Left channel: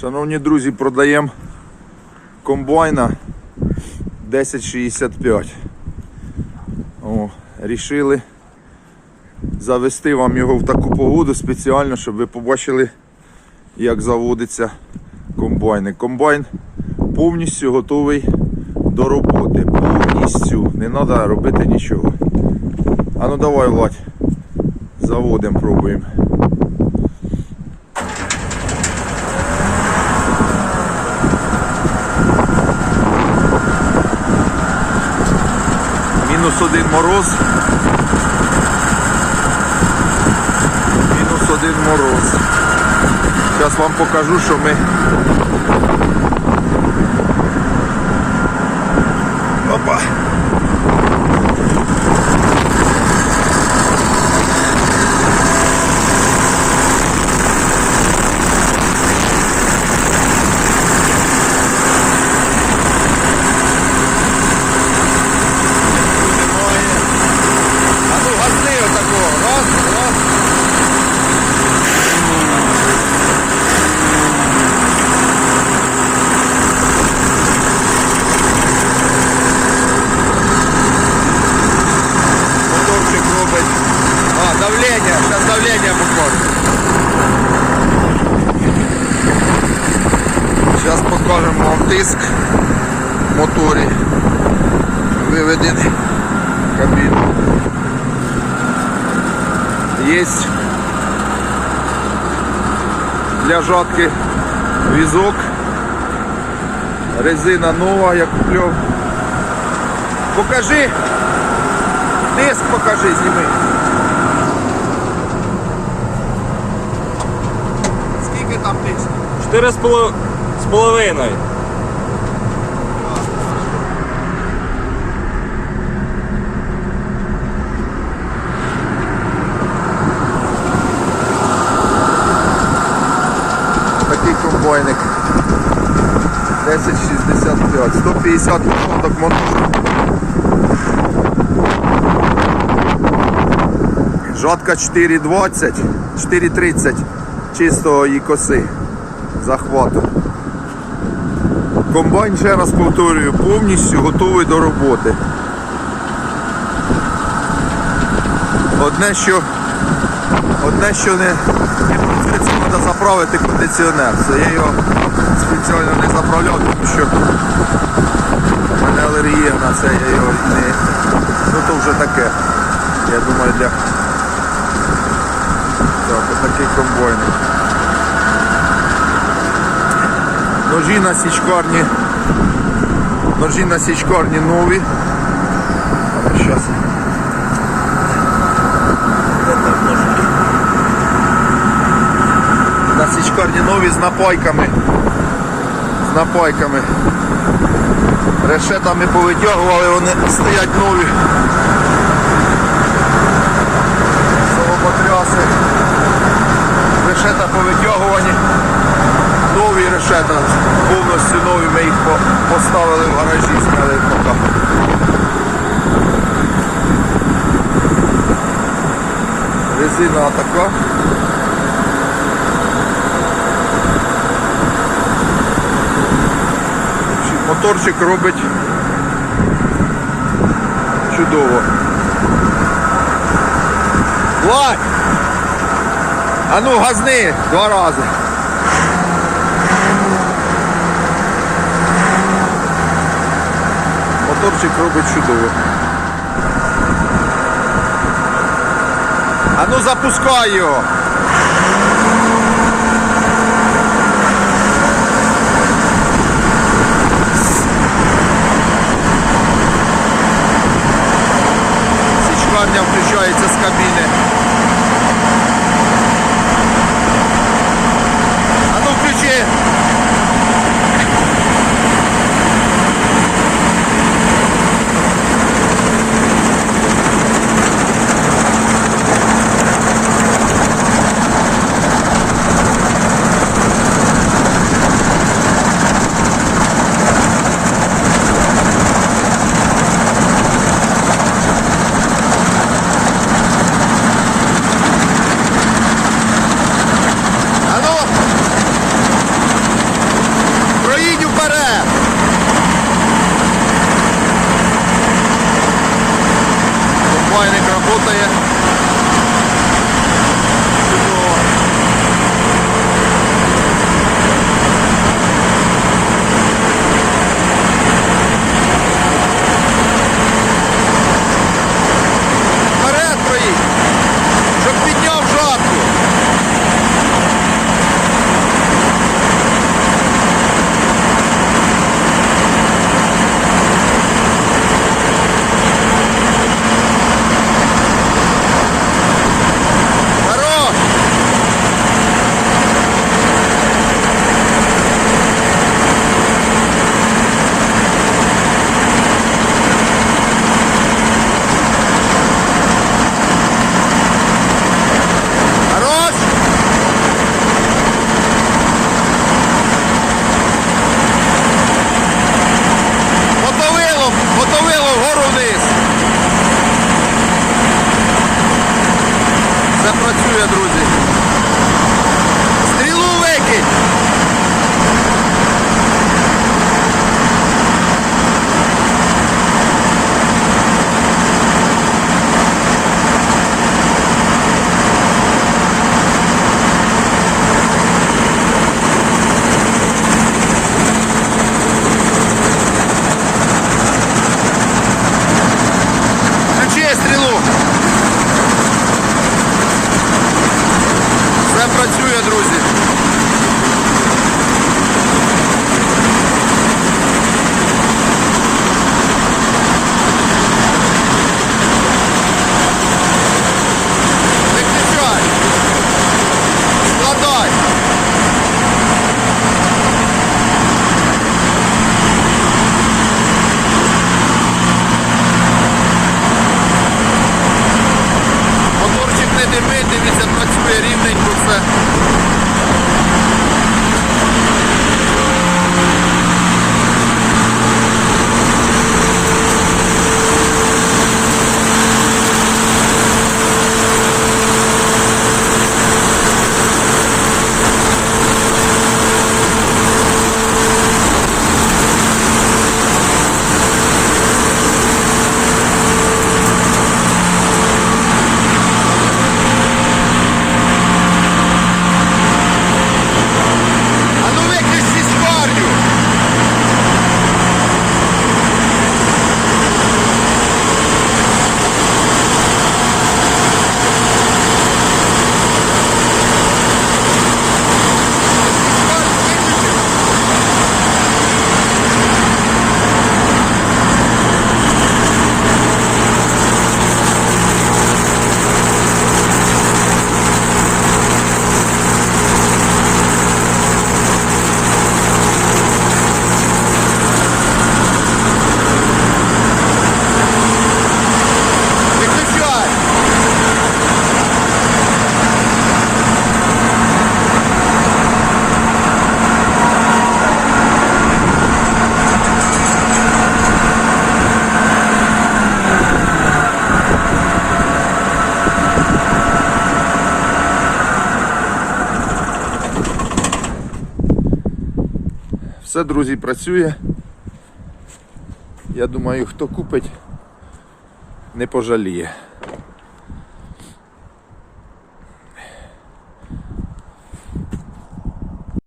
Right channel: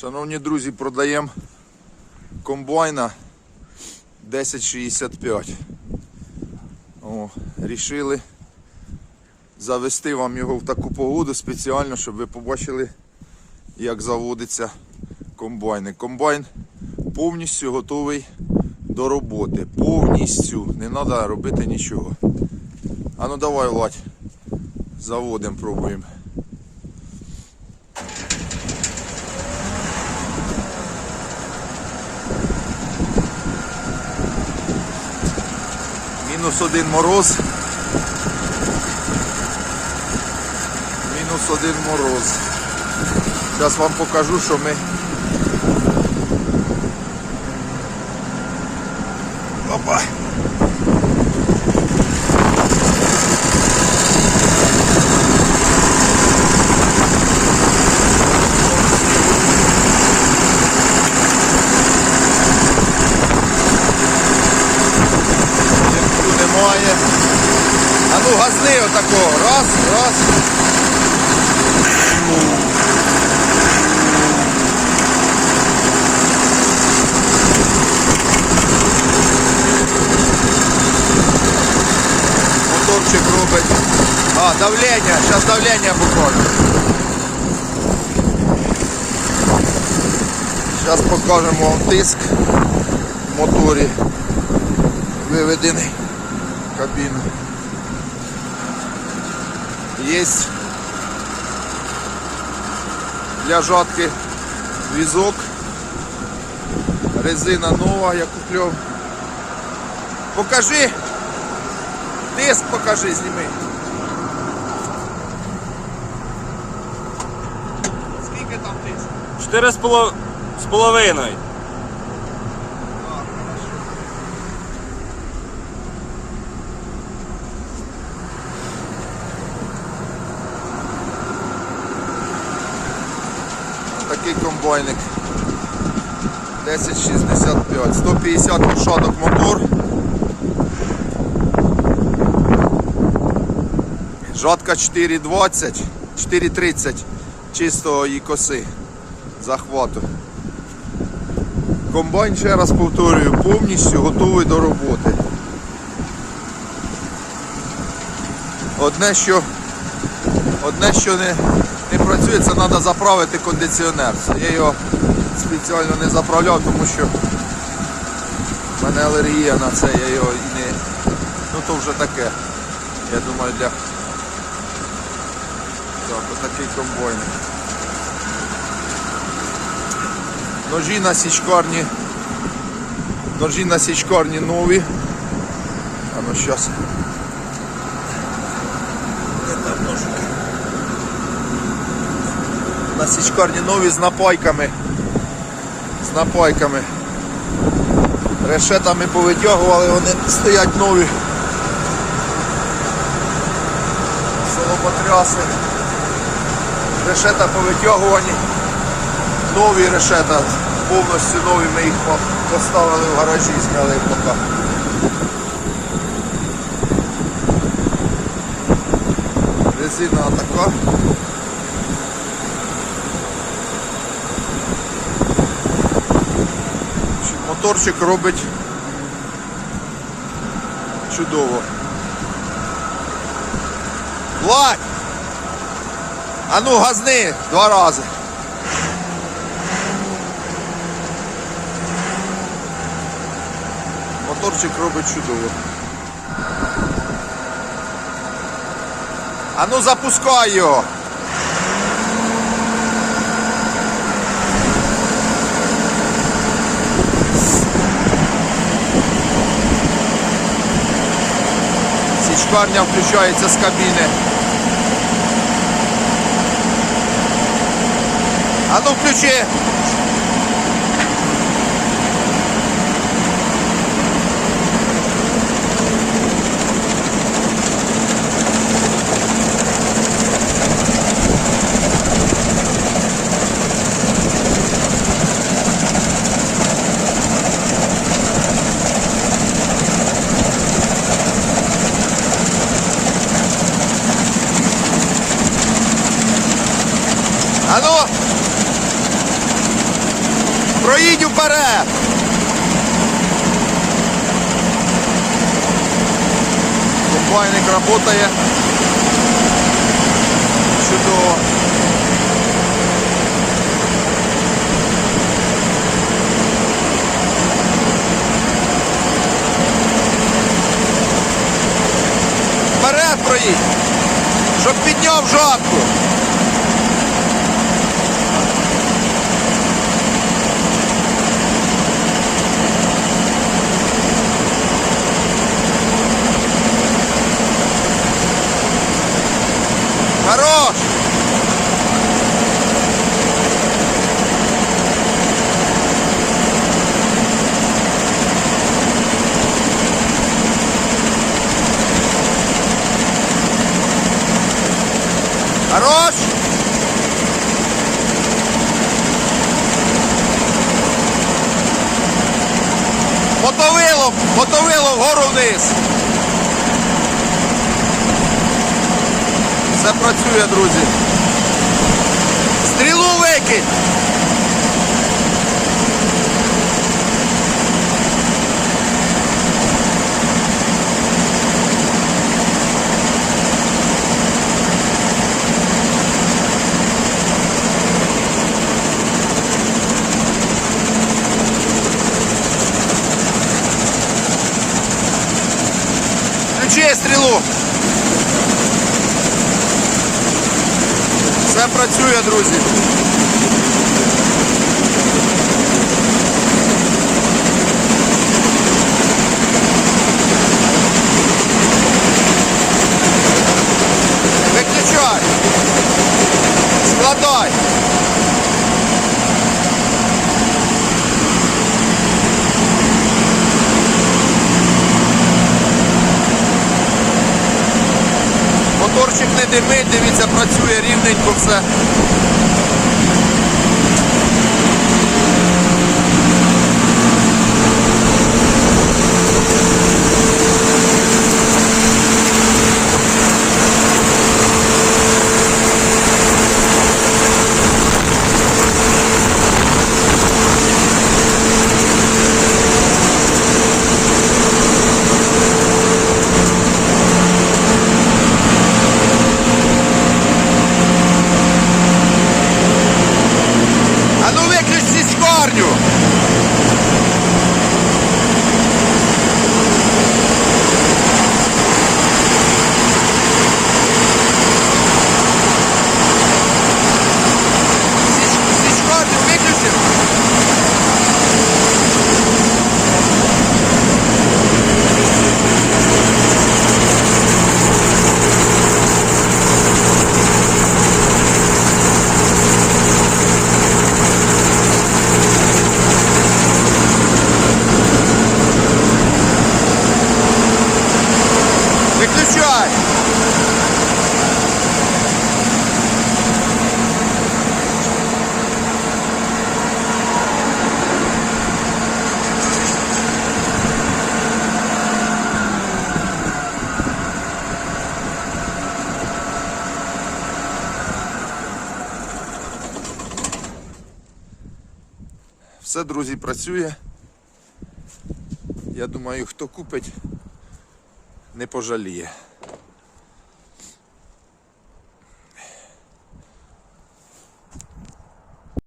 Шановні друзі, продаємо комбайна 1065. О, рішили завести вам його в таку погоду спеціально, щоб ви побачили, як заводиться комбайн. Комбайн повністю готовий до роботи. Повністю. Не треба робити нічого. А ну давай, Владь. Заводимо, пробуємо. Мінус один мороз. Мінус один мороз. Зараз вам покажу, що ми. Газни отакого. Раз, раз. Моторчик робить. А, давлення. Зараз давлення покажемо. Зараз покажемо вам тиск в моторі. Виведений кабіну. Є для жатки візок. Резина нова, я куплю. Покажи. Диск покажи, зніми. Скільки там диск? Чотири з половиною. Такий 1065. 150 лошадок мотор. Жатка 4,20, 4,30 чистого її коси захвату. Комбайн, ще раз повторюю, повністю готовий до роботи. Одне, що Одне, що не, не працює, це треба заправити кондиціонер. Це я його спеціально не заправляв, тому що в мене алергія на це, я його не. Ну то вже таке. Я думаю для. Так, отакий комбойник. Ножі на січкарні. Ножі на січкарні нові. Зараз. Січкарні нові з напайками. З напайками. Решетами повитягували, вони стоять нові. Соломотряси. Решета повитягувані. Нові решета. Повністю нові ми їх поставили в гаражі, зняли поки. Резина така. Моторчик робить чудово. Владь! А ну газни два рази. Моторчик робить чудово. А ну запускай його. Січкарня включається з кабіни. А ну включи. работая Це друзі. Стрілу викинь! це Це, друзі, працює. Я думаю, хто купить, не пожаліє.